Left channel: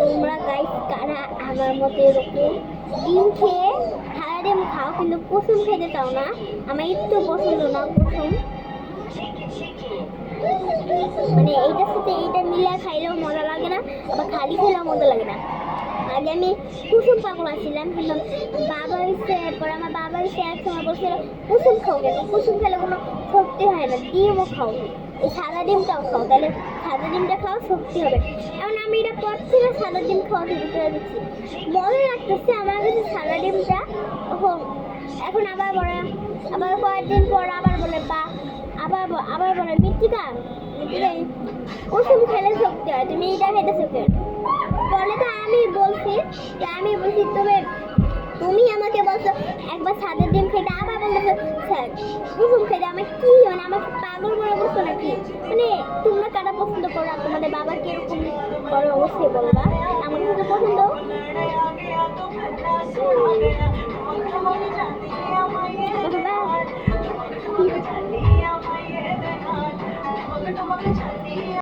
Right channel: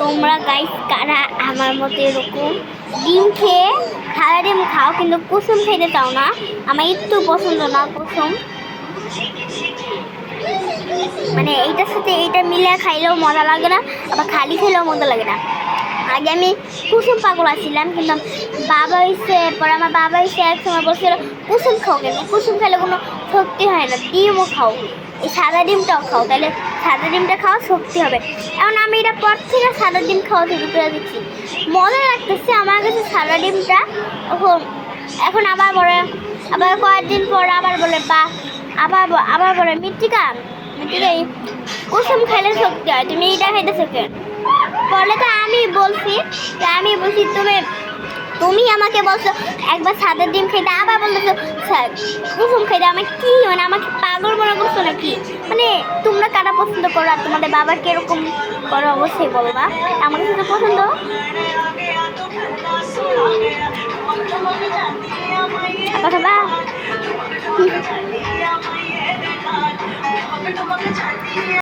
তোমরা গাইস কারা আমার মতো এরকম ডিম খেয়ে সারা ডিম খাও কিন্তু কুসুম খেতে চাও না? আমার একটু পছন্দ না কুসুম, মানে এইটার সাথে এইটা মিলে খাইলেও মজা লাগে না, আবার খালি খেলেও মজা লাগে না। আগে আমি কুসুম পাগল আসছিলাম, কিন্তু বাবা এসে পরে আমার বাবা এসে এক সময় বলছিল কুসুম খাও কেন, কুসুম খেলে কোনো শক্তি হয় না, ডিমও খাও, এই সাদা ডিমটাও খাও, তাহলে সাদা ডিমটা খাওয়া শক্তি হবে। এখন আমি এটা পর থেকে সাদা ডিম খাওয়া শুরু করে দিচ্ছি, মজা লাগতেছে আমার কাছে সাদা ডিমটা। এখন এখন আবার বলে, আবার কয়েকদিন পর আবার বলে বা আবার বলে মৃত্তিকা কুসুম খেলে শক্তি হয়, তুমি এইটা খাইতেছো কেন? বলে তো আমি বলছি তুমি আমাকে বলছো একবার সাদা ডিম খেতে, আবার বলতেছো কুসুম খেতে। আমি কি মানে আমাকে পাগল মনে করছো নাকি? মানে তোমরা কারা পছন্দ করো আর তোমাদের বাবা কিরকম করো অবশ্যই বলবা। আমার কাছে পছন্দ বাবা।